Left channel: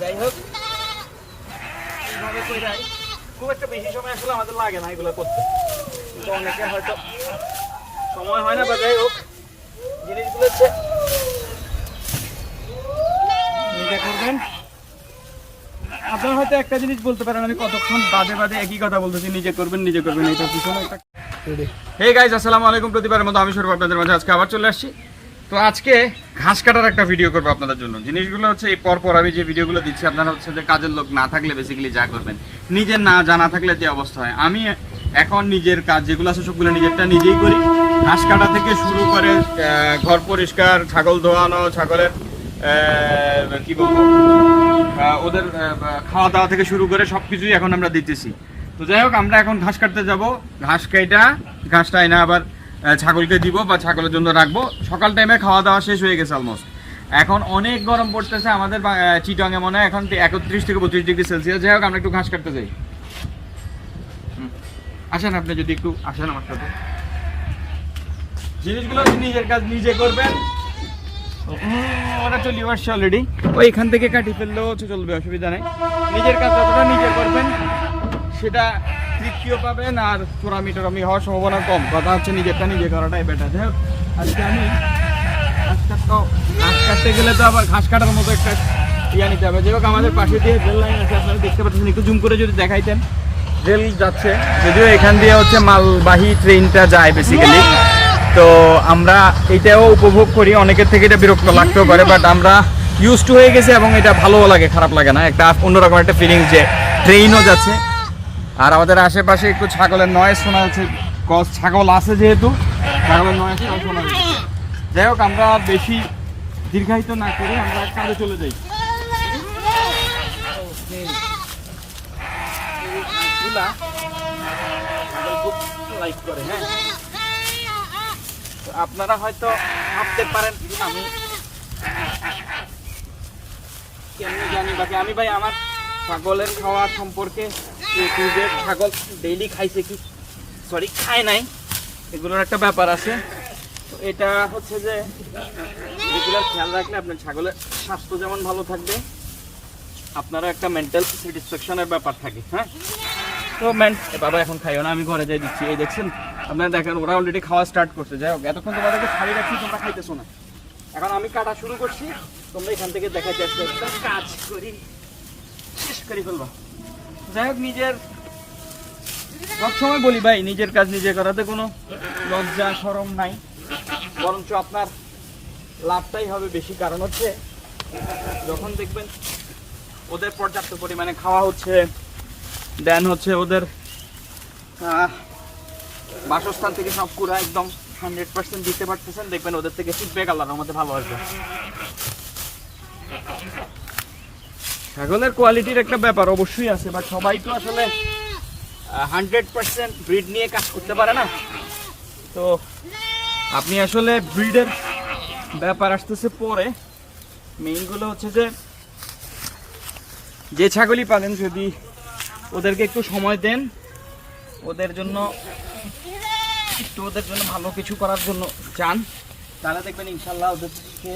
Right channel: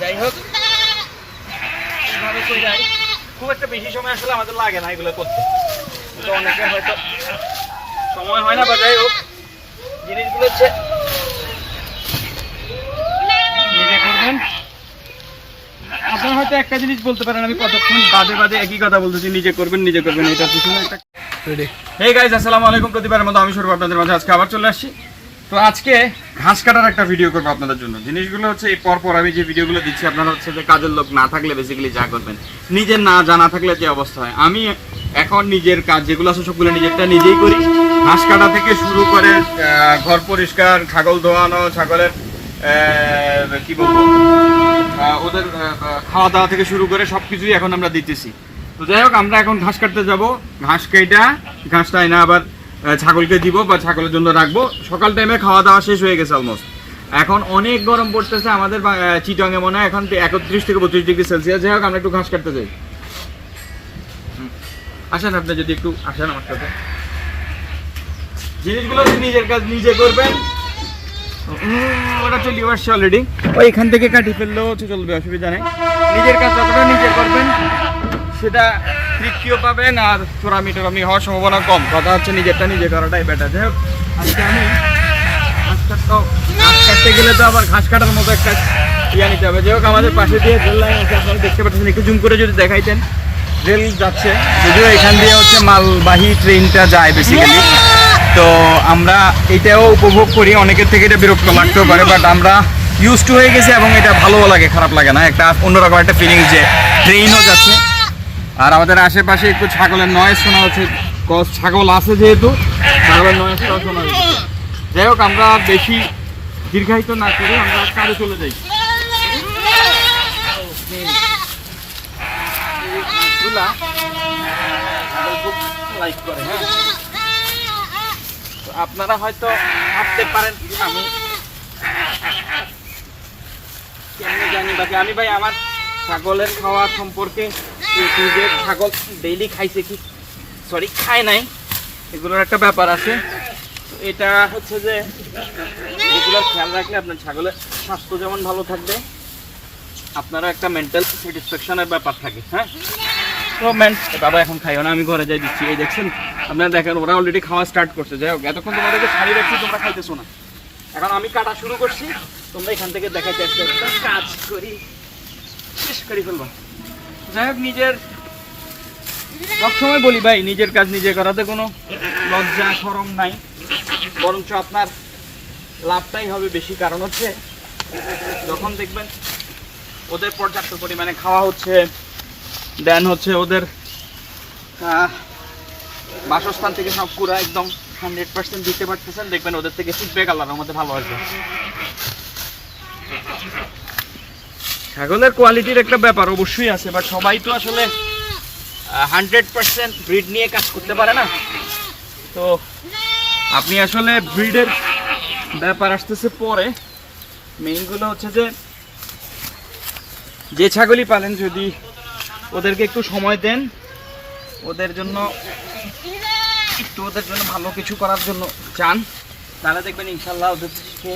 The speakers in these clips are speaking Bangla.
যাই হোক এইভাবে কইরাই খুব একটা বেশি সময় আসলে আমাদের লাগে না এগুলো করতে। তো অনেকে হয়তো সময় হয় না বা যাই হোক জিনিসগুলো হচ্ছে নিজে করবেন। আপনারা হয়তো একটা জিনিস বলতে পারেন আমি কতক্ষণ বাদে বাদে একই কথা বলতেছি নিজে করবেন নিজে করবেন এটার পিছনে একটা হে গাইজ আসসালামু আলাইকুম প্রতিবারের মতো আমি সর্ব আপনাদের মাঝে আজকে আবার চলে আসছি। তো আজকে ঘাস কাটার একটা ভিডিও করব আপনাদের জন্য। জিনিসগুলো হচ্ছে এই পরপর আমি যে ভিডিওগুলো দিচ্ছি, আপনারা হচ্ছে যে কাজের লোক না থাকলে বেসিক্যালি যা করবেন। নিজের না জানা থাকলে যে অবস্থা হয়। আমি এখন নিজের কাজ যেগুলো আছে সবগুলো নিজেরটা নিজেই করি। ঘাস কাটা থেকে শুরু করে ঘর পরিষ্কার, ছাগল ধোয়ানো, ছাগলের কি বলব ওদের খাওয়া দাওয়া থেকে শুরু করে সব কিছুই এখন আমরা দিতেছি। তো যাই হোক, আমরা এখন ঘাস কাটতে যাব। ঘাস কেটা ঘাসটা এনে আবার ছাগলকে দিব বা ছাগলের জন্য রাখব। সকাল টাইমে খাওয়া দাওয়া শেষ হয়ে গেছে অলমোস্ট এখন অনেক গরম পড়তেছে আমাদের চিটংয়ে মনে হয়। এখন একত্রিশ থেকে বত্রিশ ডিগ্রি সেলসিয়াস। যাই হোক, আমরা একটু ঘাস কাটতে হুম। আসেন আপনি যদি একটু আসেন আমার সাথে। জিনিসগুলো নিজের কাজ নিজে করবেন। ওটা চলে আসছে অলরেডি ওই এখান থেকে কাটি ফেললেও চলবে, অসুবিধা নেই। নিজের কাজ নিজে করবেন, সেটা তৃপ্তিও পাবেন আর চোরামি টোরামি হওয়ার সম্ভাবনা কম। কথা হচ্ছে নিজেরটা নিজে করাটাই বেটার যাই হোক, আজকে আমি ঘাস কাটতে ঘাস কাটতে গেলে তো আবার ঘাস কাটার মতো একটা ইয়ে নিতে হবে। যাই হোক, আমাদের পাশে দিয়ে রেল লাইন আছে, আপনারা দেখতে পাচ্ছেন, একটু জুম করে যদি দেখাইতেন। রেল যাচ্ছে, যদিও এখান দিয়ে হচ্ছে মালবাহী ট্রেনটা যায় বেসিক্যালি তো আমরা এটাও উপভোগ করি, অনেকের থেকে এটা বিরক্ত লাগতেও পারে বাট আমরা ইউজ টু হয়ে গেছি এবং এটা ভালোও লাগে, খারাপ লাগে না। একটা অন্যরকম একটা ফিলিংস যে ট্রেনও যাচ্ছে। আর আমাদের আশেপাশে একটু ছাগলের নয়েজ শোনা উচিত ছাগল আছে যেহেতু, ছাগলের নয়েজটাও শোনা উচিত যাই হোক, আমরা বেশি দীর্ঘায়িত না করে আমরা কাজে চলে যাই। লাইক করে হ্যাঁ আপনারা হয়তো ভাবতে পারেন, আমি জানি বাকি আমি ভাই আমার ছাগলের খাওয়া সম্পর্কে ছাগল ডেইলি খাইছে কি? সরি খায় নাই। এগুলোর একটা ব্যাপার আছে। এটা হচ্ছে যে রেগুলার খেয়াল রাখলে আপনার ছাগলের স্বাস্থ্য যেমন ভালো থাকবে, আপনারও একটা মেন্টাল স্যাটিসফ্যাকশনের ব্যাপার থাকে হ্যাঁ? তো ম্যান বাবা এখন খাইও না, আমি ঘরে যাই দিচ্ছি। এই দেখছেন, আপনারা দেখেন, ওরা অলরেডি খাওয়া স্টার্ট করছে। যাই হোক, এতক্ষণ তোমাদেরকে ছাড়ি রাখছি, তোমরা খাইতেছো না। এখন আমি কাটা শুরু করছি, তোমরা এখান থেকে আসতে একটা কাজ করি। শেষ নিজের সবসময় বলি ভাই, নিজের কাজ নিজে করাতে কোনো লজ্জা সরম নাই। বরঞ্চ আপনার লাভটাই হবে বেশি। কারণ হচ্ছে, যখন দেখবেন ওদের পর্যাপ্ত পরিমাণে খাওয়া হচ্ছে, দেন হচ্ছে ওদের বাসস্থান থেকে সব পুরো একদম হান্ড্রেড পার্সেন্ট দিতে পারতেছেন, দেখবেন ওদের থেকে ফিডব্যাক আল্লাহর মধ্যে ভালো আসবে। ছাগলের কোয়ালিটির একটা ব্যাপার অবশ্যই আছে বাট সবাই তো আসলে হান্ড্রেড পার্সেন্ট ব্রিড নিয়ে কাজ করতে পারে না। তো আপনি আসলে ব্রিডের ব্যাপার আসতেছে পরে। মেইনগুলো হচ্ছে যে যে ছাগলই পালেন, যদি ওদেরকে একটু সময় দেন, ওদের জন্য, একটু ওদের জন্য ভালো কিছু করার জন্য চান, তাহলে দেখবেন ইনশাল্লাহ ওদেরকে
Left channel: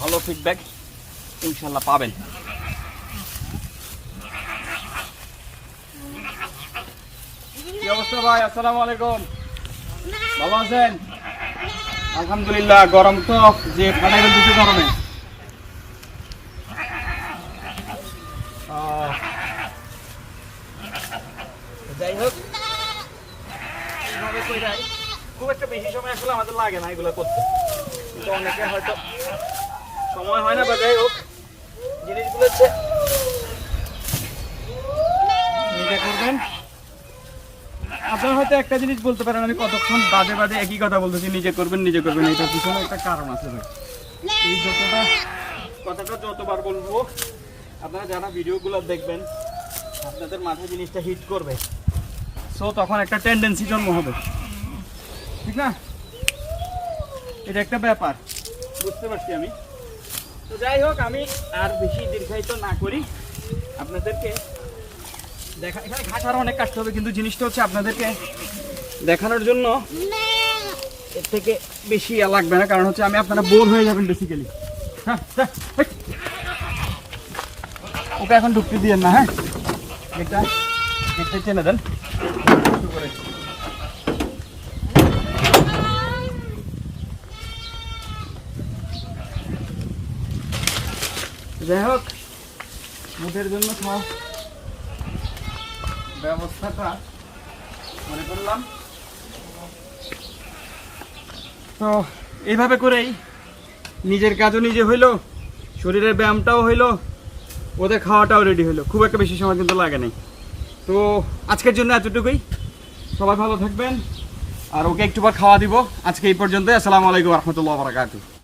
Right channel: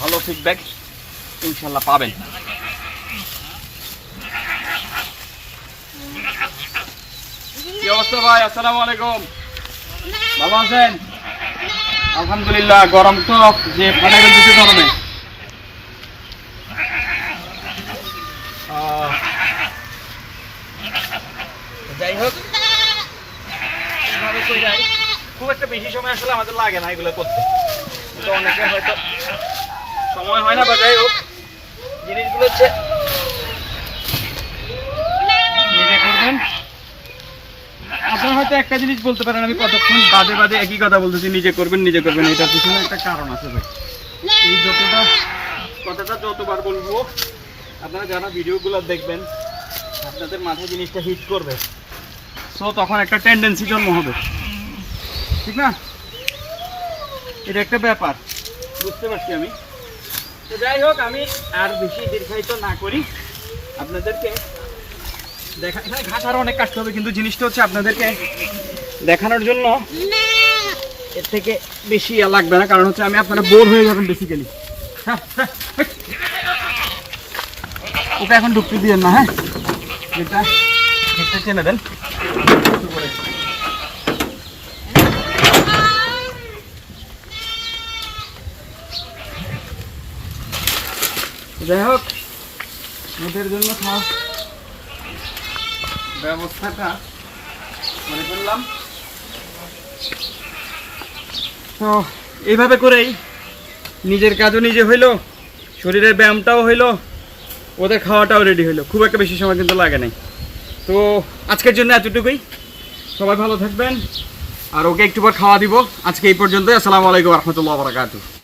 ভালো ফিডব্যাক ইনশাল্লাহ পাবেন। কি অবস্থা ভাই? আসসালামু আলাইকুম। ভালো আছেন? আলহামদুলিল্লাহ, গরম তো যে ফাটাই ফেলতেছে গরমে। যাই হোক। খুব একটা বেশি সময় আসলে আমাদের লাগে না এগুলো করতে। কিন্তু অনেকে হয়তো সময় হয় না, বা যাই হোক। জিনিসগুলো হচ্ছে নিজে করবেন হয়তো একটা জিনিস বলতে পারেন, আমি কতক্ষণ বাদে বাদে একই কথা বলতেছি, নিজে করবেন নিজে করবেন, এটার পিছনে একটা কারণ আছে ভাই। এই যতটা, কথাটা যতবার বলব, আপনারা যারা ভিডিওগুলো দেখবেন, আপনাদের মাথায় জিনিসটা হিট করবে। সো তখন একটা টেন্ডেন্সি জন্ম হবে। ঠিক না? এটা একটা ব্যাপার, বুঝতে পারছি আমি। তো যাই হোক, আমি আর বেশি দীর্ঘায়িত না করি। আপনাদেরকে দেখা এখানে ঘাস আরও অনেক কাটতে হবে, কিন্তু জিনিসটা হচ্ছে আপনাদেরকে দেখানোর জন্য এর থেকে বেশি লাগবে না, কারণ হচ্ছে আমি আপনারা বোর হয়ে যাবেন বেসিক্যালি ওকে এখন ঢুকতে দিয়েন না হ্যাঁ। এটা গেটটা টেনে দেন। যাই হোক, ওদের জন্য খাওয়া। ব্যবস্থাটা মনে করলাম। তো এইভাবে করেই নিজের কাজও নিজে হইল, শরীরের ব্যায়ামটাও হইল, ওদের খাওয়াটাও রেডি হইল। খুব একটা বেশি সময় কিন্তু লাগে নাই। তো আজকের জন্য এতটুকুই। সবাই ভালো থাকবেন। আর ওকে একটু খাওয়া দিব। আজকে এই পর্যন্তই। আসসালামু আলাইকুম রহমতুল্লাহ বারাকাতু